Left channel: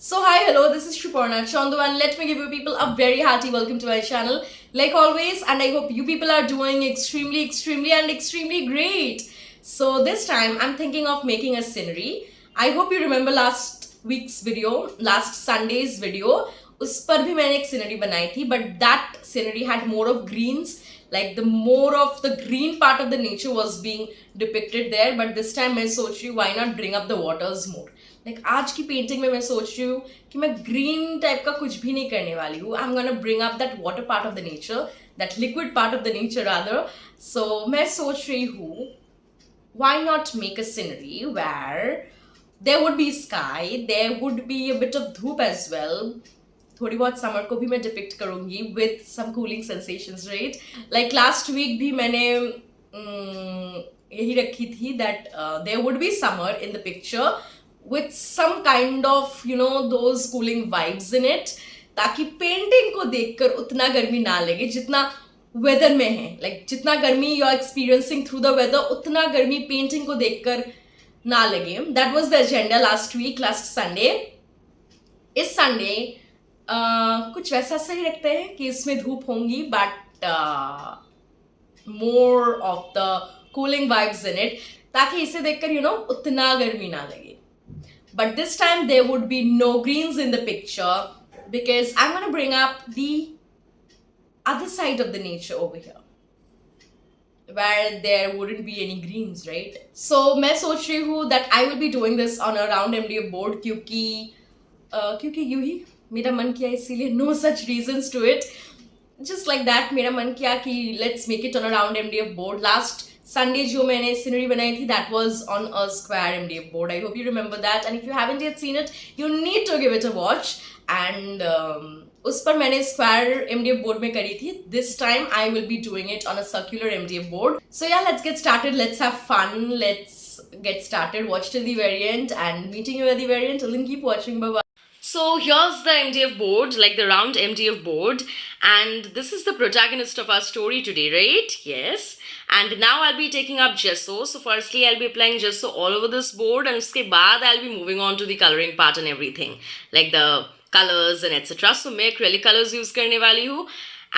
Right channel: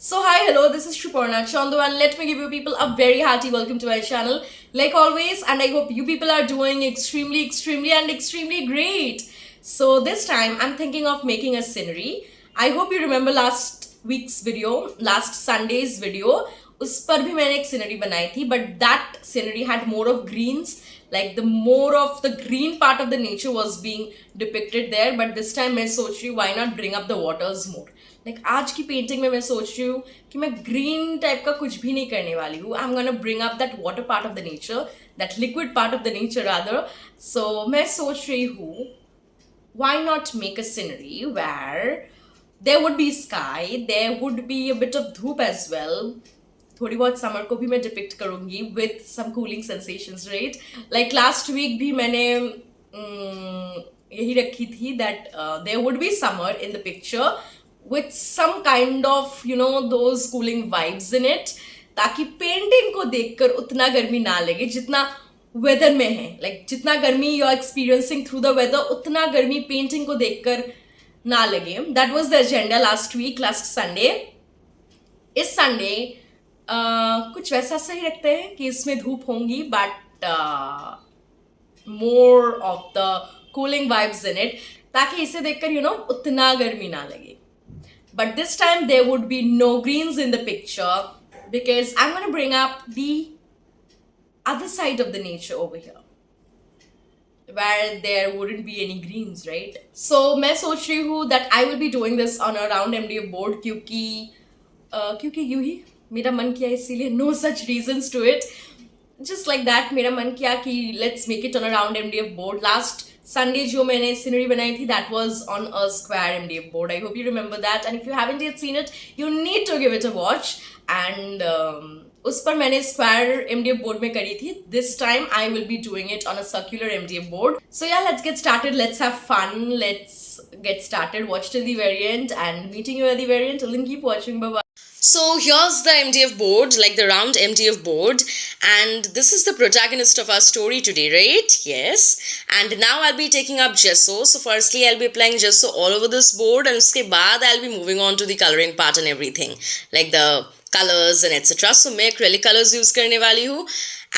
So hi, hello, this is Shuparna Chandu and let me give you people a very hearty welcome to my channel like always, and I hope you people are doing extremely great. So this time I'm thinking of making a scenery. I hope you remember last week's video, last Sunday's video. उस पर भी मैंने एक scenery बनाई थी, but that scenery had more of greens, like the more of the green part of the nature was being depicted there. But this time मैं सोच रही हूँ why not bring up the waters more. Like आज की painting में मैं सोच रही हूँ कि मैं ग्रीन टाइप का कुछ भी नहीं करने वाली हूँ. I am gonna bring up that water part of the nature, that liquid part of the nature rather. So मैं सोच रही हूँ why not make a scenery where there would be sky, there would be a bit of धूप as well. थोड़ी बहुत summer को भी मैं डिपिक्ट करूंगी with some cooling sensations, right? Like last week भी मैंने यही रखी थी that there would be summer in the picture with some kind of those cooling vibes in it, ताकि पेंटिंग को देखकर उतना गर्मी ना लगे जितना वेदर में है. लाइक जितना गर्मी you are experiencing through the weather, उतना गर्मी पेंटिंग को देखकर ना लगे. That was the agenda last week, last Sunday. इस संडे कुछ वैसा सही रखते हैं कि इसमें धूप होंगी but more of the cooling vibes in it, ताकि इसे देखकर उतना गर्मी ना लगे. But this time there would be no greens in the picture because I'm going to bring up the other side of the nature over here where there wouldn't be any greens, right? So मैं सोच रही हूँ that I will be doing this on a round MDF board क्योंकि यूं ही मेरा मन किया, इसीलिए no such reasons to it. Just like that मेरा मन किया कि let's make it on a round MDF board. Last Sunday जो मैंने सीनरी बनाई थी that was on a square MDF board. I hope you remember that, and if you haven't yet seen it, you need to give it a watch. And उस पर मैंने square MDF board में करी थी. This time I will be doing it on a circular MDF board. So yeah, let's get started. Let's have fun. Let's get started. Watch till the very end, and meeting you at the very end. Till then, keep watching. Bye bye. So here's the MDF board, like the round MDF board, and this is the protagonist of our story today, right? Yes. And now I'll be taking up gesso. So firstly I'll be applying gesso all over this board, and uske baad I'll be moving on to the coloring part and everything, like the colors and etc. So मैं acrylic colors use करने वाली हूँ.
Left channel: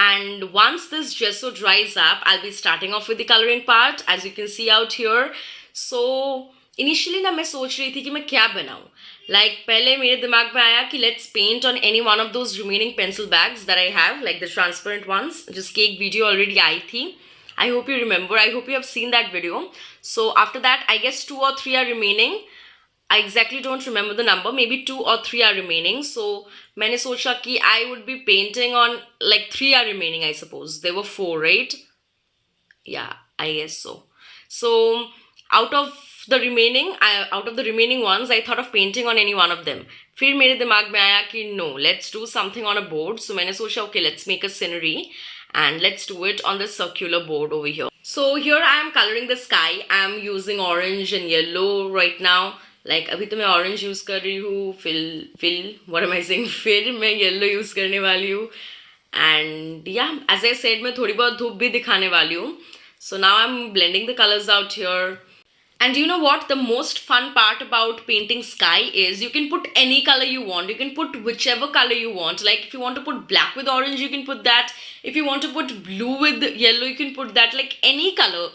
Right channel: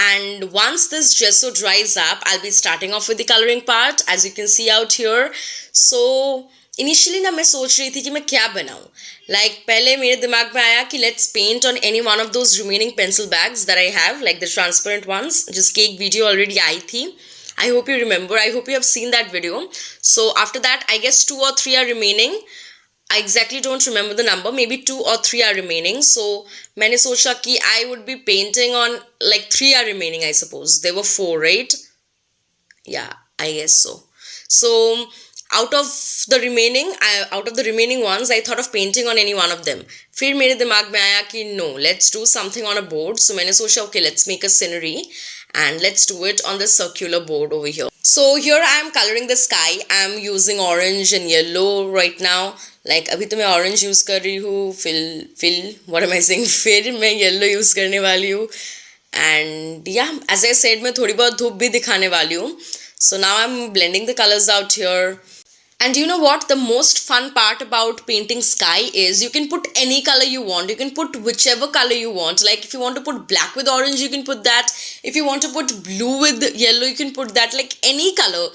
And once this gesso dries up, I'll be starting off with the coloring part, as you can see out here. So initially ना मैं सोच रही थी कि मैं क्या बनाऊँ. लाइक पहले मेरे दिमाग में आया कि let's paint on any one of those remaining pencil bags that I have, like the transparent ones, जिसकी एक वीडियो ऑलरेडी आई थी. I hope you remember, I hope you have seen that video. So after that I guess 2 or 3 are remaining. I exactly don't remember the number, maybe 2 or 3 are remaining. So मैंने सोचा कि I would be painting on like 3 are remaining, I suppose. There were 4, right? Yeah, I guess so. So out of the remaining ones, I thought of painting on any one of them. फिर मेरे दिमाग में आया कि no, let's do something on a board. So मैंने सोचा okay, let's make a scenery and let's do it on the circular board over here. So here I am coloring the sky. I am using orange and yellow right now. Like अभी तो मैं orange use कर रही हूँ. What am I saying? फिर मैं yellow use करने वाली हूँ. And yeah, as I said, मैं थोड़ी बहुत धूप भी दिखाने वाली हूँ. So now I'm blending the colors out here. And you know what? The most fun part about painting sky is you can put any color you want. You can put whichever color you want. Like if you want to put black with orange, you can put that. If you want to put blue with yellow, you can put that. Like any color.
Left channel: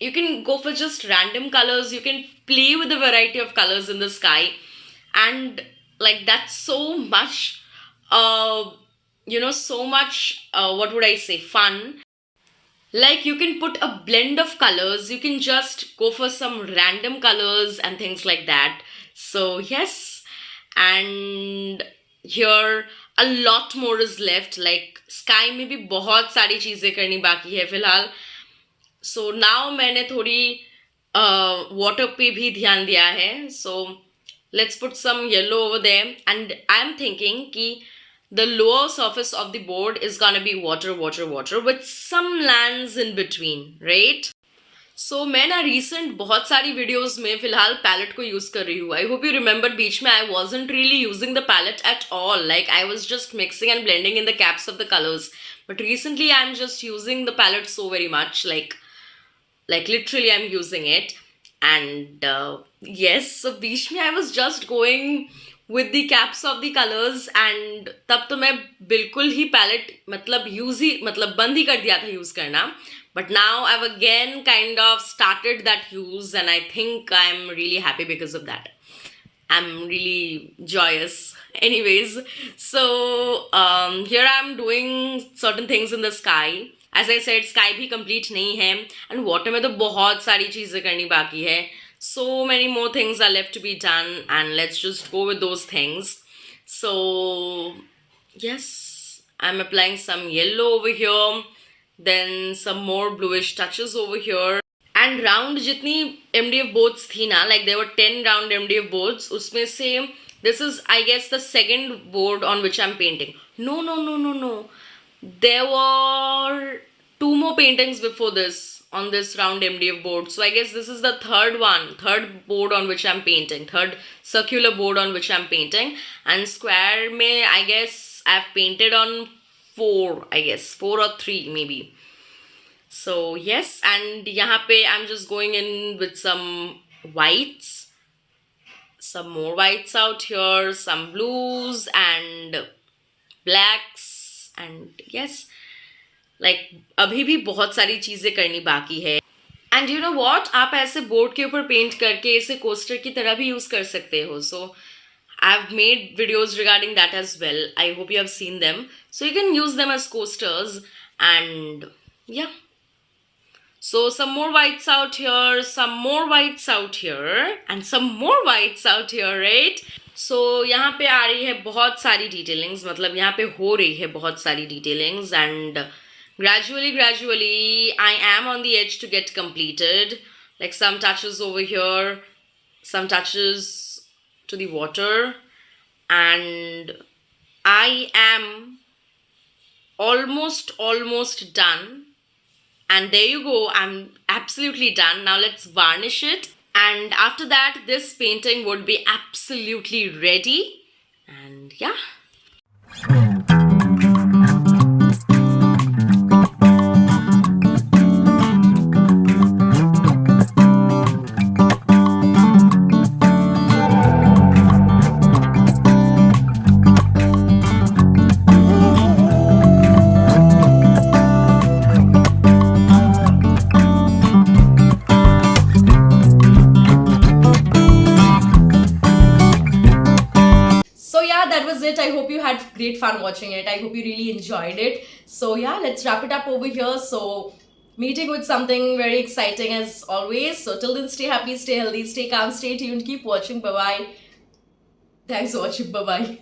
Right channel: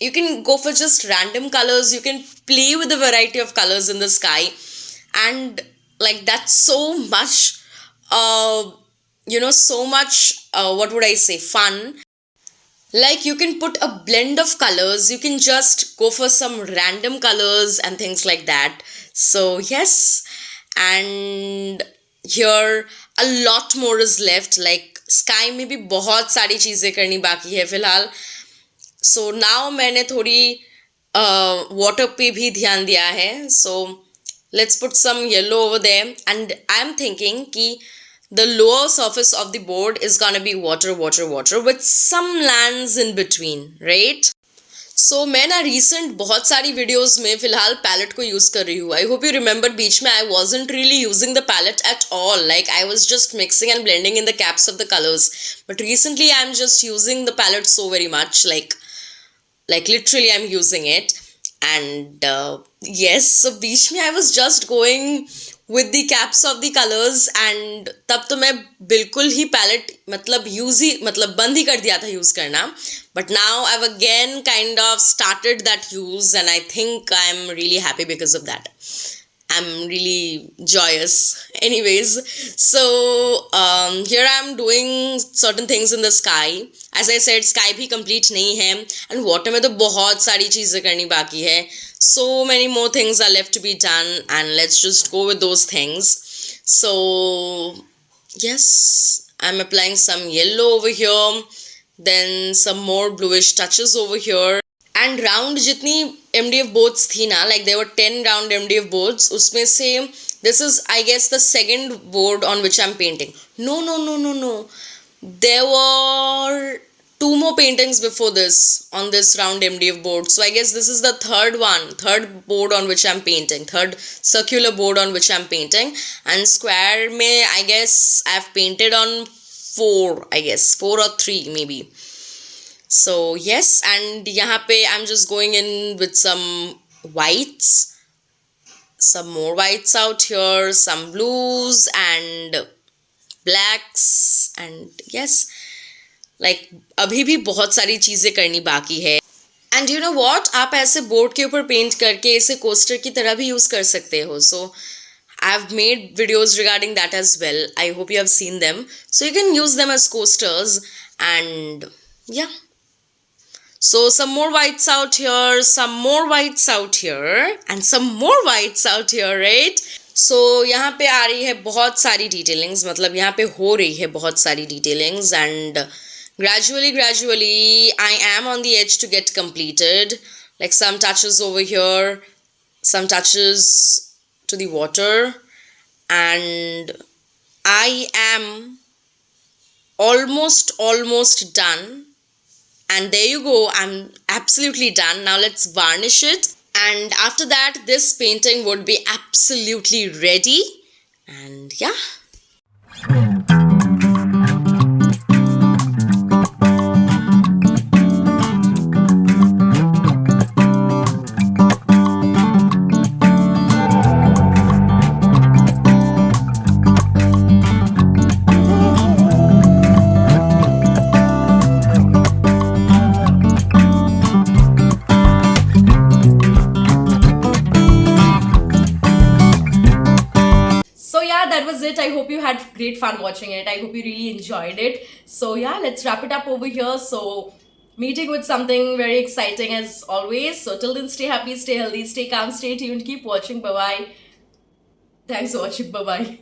You can go for just random colors. You can play with a variety of colors in the sky. And like that's so much, what would I say, fun. Like you can put a blend of colors, you can just go for some random colors and things like that. So yes, and here a lot more is left. Like sky में भी बहुत सारी चीज़ें करनी बाकी है फिलहाल. So now मैंने थोड़ी water पे भी ध्यान दिया है. So let's put some yellow over there, and I'm thinking कि the lower surface of the board is gonna be water with some lands in between, right? So मैं ना recent बहुत सारी videos में फिलहाल palette को use कर रही हूँ. I hope you remember बीच में I wasn't really using the palette at all. Like I was just mixing and blending in the caps of the colors. But recently I'm just using the palette so very much. Like literally I'm using it. And yes, so बीच में I was just going with the caps of the colors, and तब तो मैं बिल्कुल ही palette मतलब बंद ही कर दिया था use करना. But now I've again kind of started that use, and I think I'm really happy because of that. I'm really joyous. Anyways, so here I'm doing certain things in the sky. As I said, sky भी complete नहीं है, and water में तो बहुत सारी चीज़ें करनी बाकी है. So many more things are left to be done, and let's just go with those things. So yes, I'm applying some yellow over here, then some more bluish touches over here. And round जितनी MDF boards थी ना, like there were 10 round MDF boards, उसमें से this is I guess the second board on which I am painting. No no no no no, there were 2 more paintings before this on this round MDF board. So I guess this is the third board on which I'm painting, third circular board on which I'm painting. And square mein I guess I've painted on 4 or 3 maybe. So yes, and यहाँ पे I'm just going in with some whites, some more whites out here, some blues and blacks, and yes, like अभी भी बहुत सारी चीज़ें करनी बाकी है. And you know what, आप ऐसे बोर्ड के ऊपर पेंट करके इसे कोस्टर की तरह भी यूज़ कर सकते हो. So I've made videos regarding that as well. I hope you have seen them. So you can use them as coasters, and yeah. So some more whites out here, some more whites out here, and some more whites out here, right? So यहाँ पे आ रही है बहुत सारी detailings, मतलब यहाँ पे हो रही है बहुत सारी detailings, and gradually I am on the edge to get completed. Like some touches over here, some touches to the water, and I am almost done. And there you go, I'm absolutely done. Now let's varnish it. And after that, this painting would be absolutely ready. And yeah. That was it. I hope you had great fun watching it. I hope you really enjoyed it. So yeah, let's wrap it up over here. So meeting with something very exciting as always. So till then, stay happy, stay healthy, stay calm, stay tuned, keep watching. Bye bye. Thanks for watching. Bye bye.